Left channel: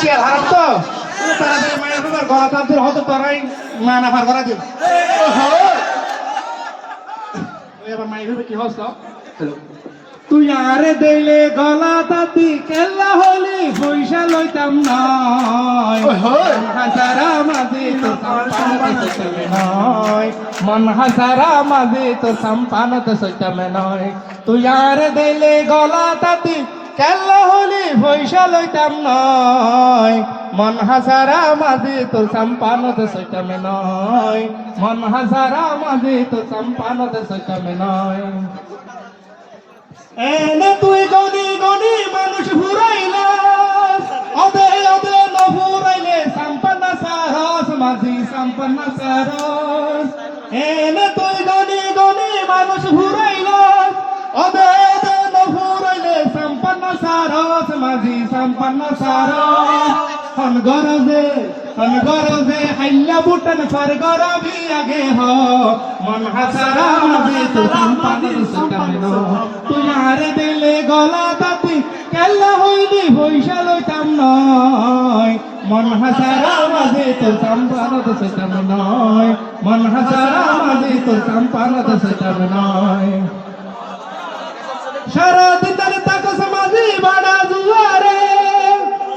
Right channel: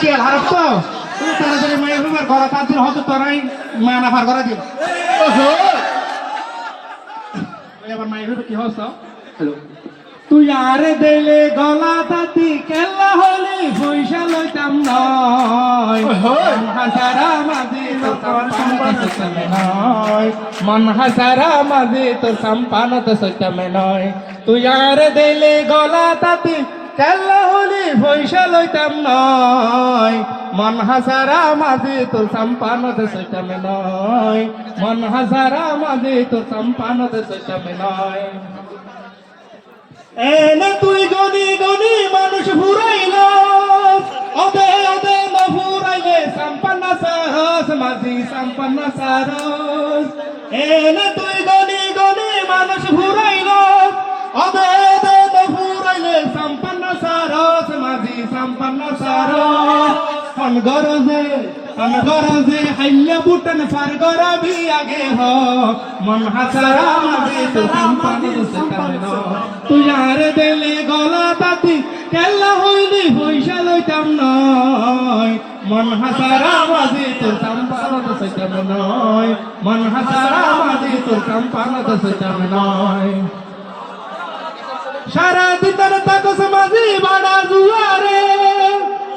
চিয়াল হারাপ তো তুমি তাড়াতাড়ি মায়ের রুমের গলা তাদের হতো তোরাই মা না ভার করা দিও এবার মায়ের রুমে কি হস তুই আরে দিলে গলা তাতি কেল্লা হলে পয়সা লইতাম নয় হাজারা মাঝে তোর মন হাজারা মাঝে তোর সম্পানত সইতামে নয় তুই আরে দিলে গলা তাতি কেল্লা হলে পয়সা লইতাম নয় মন হাজারা মাঝে তোর সম্পানত সইতামে নয় মন হাজারা মাঝে তোর সম্পানত সইতামে নয় এনে তুই গনি গনি মানুষ ফুরাইল অদে অদে ন ফুরাইলে সম্পন্ন সাহস মাঝি সম্পন্ন সারস এনে তুই গনি গনি মানুষ ফুরাইল অদে অদে ন ফুরাইলে সম্পন্ন সারস মাঝি সম্পন্ন সারস হন গরজে হাইলা বুটন সর গরবি আগে হ মন হাসারা মাঝে তুই সম্পন্ন সকামনো তুই আরে দিলে গলা তাতি কেল্লা হইলি পয়সা লইতাম নয় মন হাসারা মাঝে তোর সম্পানত সইতাম নয় মন হাসারা মাঝে তোর সম্পানত সইতাম নয় সারা দিন তাকো সমাজি বড়া জুয়ারে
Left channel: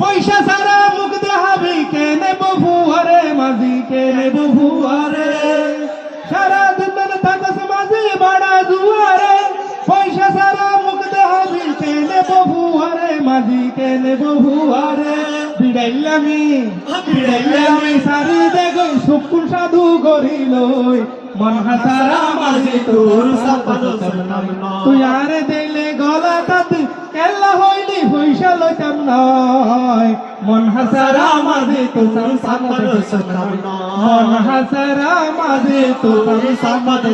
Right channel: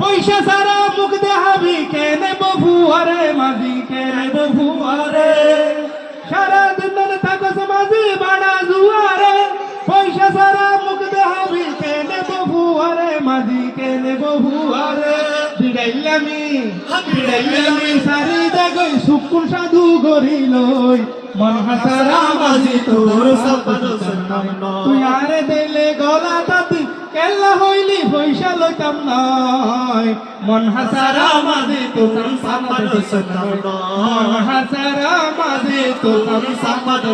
পয়সা সারা মুখ দেহাবি কেনে বহুয়ারে মাঝি কেনে বহুয়ারে সারা দিন তাকো সমাজি বড়া জুয়ারে পয়সা সারা মুখ দেহাবি কেনে বহুয়ারে মাঝি কেনে বহুয়ারে বিড়াইলামি সারি দেখই সুকুন সাধু গরিলই মন হাসারা মাঝি তোর সম্পন্ন তুই আরে দিলে গলা তাতি কেল্লা হইলি পয়সা লইতাম নয় মন হাসারা মাঝে তোর সম্পন্ন মন হাসারা মাঝে তোর সম্পন্ন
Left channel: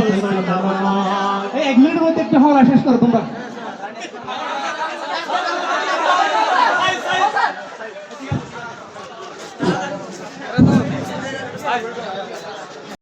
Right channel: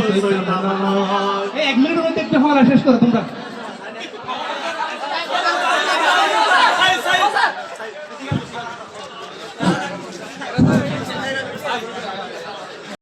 1 মিনিটের মধ্যে একটা হওয়া শেষ করো তোমরা